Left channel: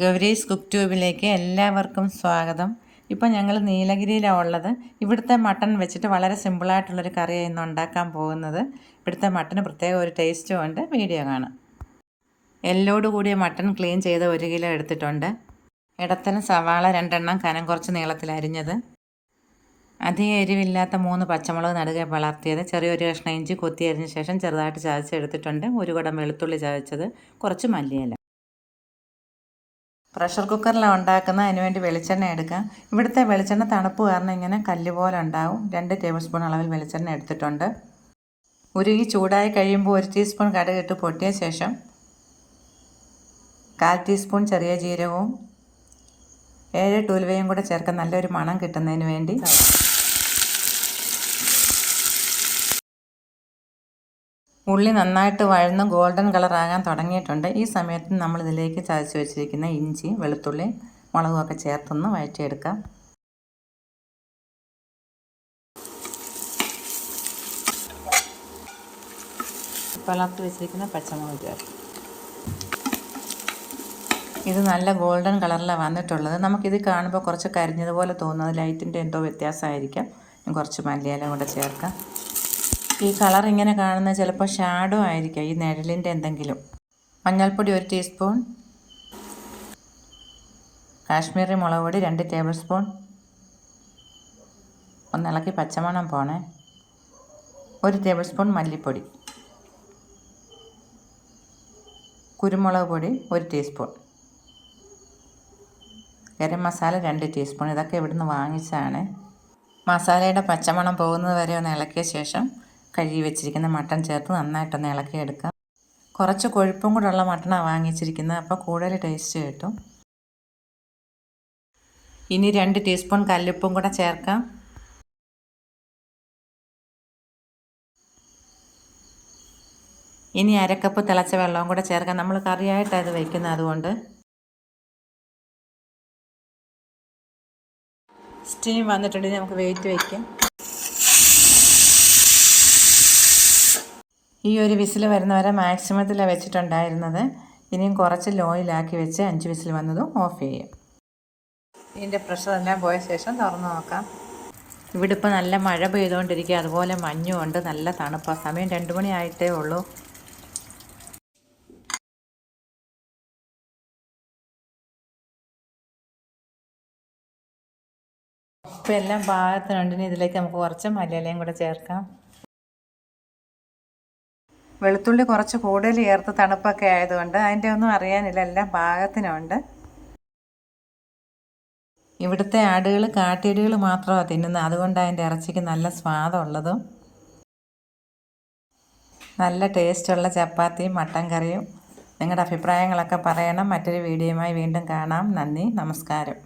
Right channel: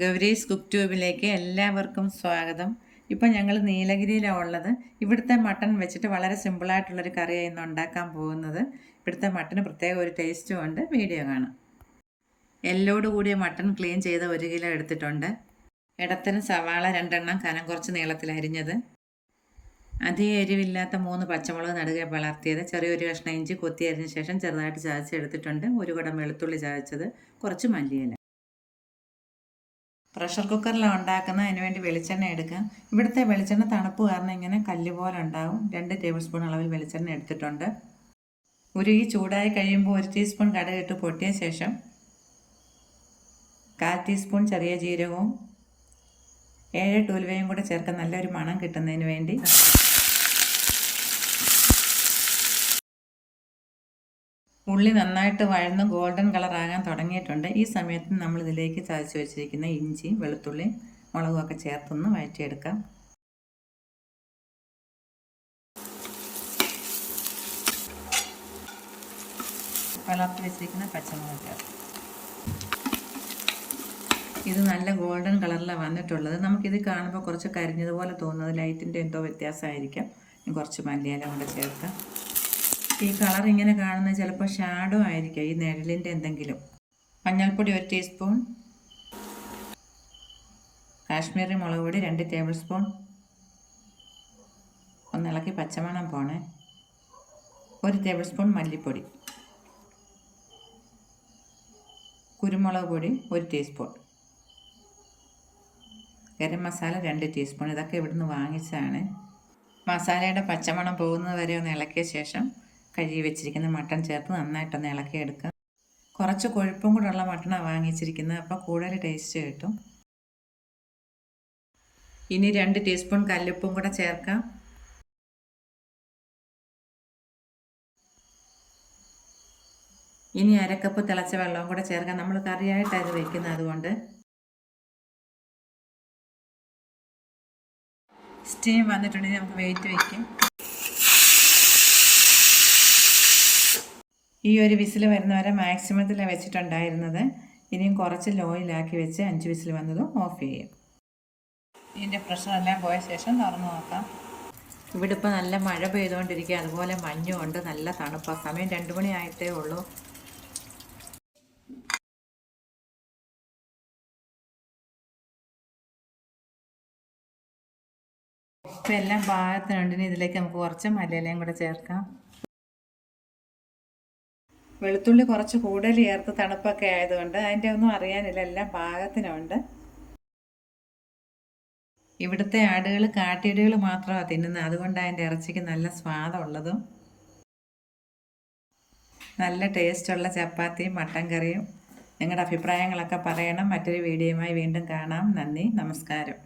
Gowri's cook ട്യൂബിലേക്ക് എല്ലാവർക്കും സ്വാഗതം. ഇപ്പോൾ ഞങ്ങൾ നീലഗിരിയിലാണ് ഉള്ളത്. ഇവിടുത്തെ മട്ടൺ വെച്ചിട്ട് വളരെ സിമ്പിളായിട്ടുള്ളൊരു കറിയാണ് ഇന്ന് ഉണ്ടാക്കാൻ പോകുന്നത്. ഇവിടുത്തെ മട്ടന് പ്രത്യേക ഒരു ടേസ്റ്റും ഉണ്ട്. വീഡിയോ കാണാം. എല്ലോട് കൂടിയ മട്ടൺ ക്ലീൻ ചെയ്ത് 1 കിലോ എടുത്തിട്ടുണ്ട്. ഇടത്തരം സവാള 2 എണ്ണം കനം കുറച്ച് നീളത്തിൽ അരിഞ്ഞത്, അധികം എരിവില്ലാത്ത 3 പച്ചമുളക് നടുകെ വളർത്തിയത്, ചെറിയൊരു കഷ്ണം ഇഞ്ചി കൊത്തി അരിഞ്ഞ ശേഷം ചെറുതായിട്ട് ചതച്ചെടുത്തിട്ടുണ്ട്, 1 കുടം വെളുത്തുള്ളി ചതച്ചത്, കുറച്ച് മല്ലിയില. പ്രഷർ കുക്കറിലാണ് ഉണ്ടാക്കുന്നത്. അതിനുവേണ്ടി വെളിച്ചെണ്ണ എടുക്കാം. ഇവിടുത്തെ വെളിച്ചെണ്ണ തണുപ്പ് കാരണം ഇങ്ങനെ കല്ല് പോലെ ഉണ്ടാവും. 2 ടേബിൾ സ്പൂൺ അളവിൽ വെളിച്ചെണ്ണ എടുത്തിട്ടുണ്ട്. ഉരുകി ചൂടായി കഴിയുമ്പോൾ 1 ടീസ്പൂൺ കടുകിട്ട് പൊട്ടിയ ശേഷം 1/4 ടീസ്പൂൺ ചെറിയ ജീരകവും 7 ഉലുവയും കൂടെ ചേർത്ത് നല്ലൊരു മണം കിട്ടുന്നതിന് വേണ്ടി ഉള്ളി നന്നായിട്ട് വഴന്ന് ഗോൾഡൻ കളറാകാൻ തുടങ്ങിയിട്ടുണ്ട്. ഈ സമയത്ത് നമ്മൾ ഇതിലേക്ക് ചതച്ച് വെച്ചിരിക്കുന്ന ഇഞ്ചി, വെളുത്തുള്ളി, മുളകുമൊക്കെ ചേർത്തൊന്ന് വഴറ്റിയെടുക്കാം. വളർത്തി വെച്ചിരിക്കുന്ന പച്ചമുളക് ചേർക്കാം. ഇത് നല്ല ഗോൾഡൻ കളറിലാണ് വന്നിട്ടുള്ളത്. നമുക്കിത് കാണുമ്പോൾ കുറച്ച് കരിഞ്ഞതുപോലെ തോന്നുന്നത് ലൈറ്റിൻ്റെ എന്തോ വ്യത്യാസമായിരിക്കാം. കുറച്ച് മല്ലിയില കൂടെ ചേർക്കാം. ഈ കളർ ഇങ്ങനെ കാണുന്നത് ചിലപ്പോൾ ഷാഡോ ആയിരിക്കാം, ഈ നിഴലിൻ്റെ എന്തെങ്കിലും. മഞ്ഞൾപ്പൊടി 1 ടീസ്പൂൺ, കാശ്മീരി മുളക് പൊടി 2 ടേബിൾ സ്പൂൺ, ഒന്നിളക്കി പച്ചമണം പോണേ, 1 ടേബിൾ സ്പൂൺ മല്ലിപ്പൊടി, കുരുമുളക് പൊടി 1 ടീസ്പൂൺ, ഗരം മസാല 2 ടീസ്പൂൺ. ഇതൊക്കെ ഇവിടുന്ന് വാങ്ങിച്ചതാണ്. മസാലയുടെ പച്ചമണം പോകുന്നത് വരെ ഒന്ന് ഇളക്കിയ ശേഷം കഴുകി വെച്ചിരിക്കുന്ന മട്ടൺ ചേർത്ത് നന്നായിട്ടൊന്ന് ഇളക്കിയെടുക്കാം. കുറച്ച് കൊഴുപ്പും കൂടെ ഉള്ള മട്ടണാണ് വാങ്ങിച്ചിരിക്കുന്നത്, അപ്പോൾ കൂടുതൽ ടേസ്റ്റ് കിട്ടും. ഇനി 2 ടീസ്പൂൺ കല്ലുപ്പും കൂടെ ചേർക്കാം. ഇനി 1/2 കപ്പ് തിളച്ച വെള്ളവും കൂടെ ചേർക്കാം. നമ്മൾ കറിയായിട്ടാണ് ഇത് വയ്ക്കുന്നത്, അതുകൊണ്ട്. സ്റ്റീം വന്നിട്ടുണ്ടെങ്കിൽ നമുക്ക് വെയിറ്റ് വയ്ക്കാം. ഈ ഒരു വിസിൽ വരുന്നവരെ മാക്സിമത്തിലാണ് വെച്ചിട്ടുണ്ടായിരുന്നത്. ഇനിയും കുറച്ച് ലോയിലാക്കി വെച്ച് 5 വിസിൽ വന്നതും ഓഫ് ചെയ്യും. ഇതിൻ്റെ പ്രഷറെല്ലാം പോയ ശേഷം തുറന്ന് നോക്കാം. ഇവിടെ ഇപ്പോൾ നല്ല മഴ പെയ്തുകൊണ്ടിരിക്കുക, അതുപോലെ മഞ്ഞുമുണ്ട്, നല്ല തണുപ്പാണ്. സമയം 2 മണി ആയിട്ടേ ഉള്ളൂ. ഇപ്പോൾ എല്ലാം പാകത്തിനുണ്ട്. ഇനി ഇതിലേക്ക് നമുക്ക് കുറച്ച് മല്ലിയിലയും കൂടെ ചേർക്കാം. വെളുത്തുള്ളി കുറച്ച് കൂടുതൽ ചേർത്ത് തണുപ്പൊക്കെ ആയതുകൊണ്ട് അതിൻ്റെ ഒന്നും അറിയാനില്ല, എല്ലാം പാകത്തിനുണ്ട്. ഇവിടുത്തെ ആടുകൾ കാട്ടിയാടുകൾ മാത്രമാണ് തിന്നുന്നത്, അതുകൊണ്ടാണ് അതിൻ്റെ ഇറച്ചിക്ക് നല്ല സ്വാദുള്ളതും. നല്ല ടേസ്റ്റുള്ള ചപ്പാത്തിയും മട്ടൻ കറിയും. നിങ്ങളുടെ അഭിപ്രായങ്ങളൊക്കെ പറയണം. മറ്റൊരു വീഡിയോയുമായി വീണ്ടും കാണാം. നന്ദി, നമസ്കാരം.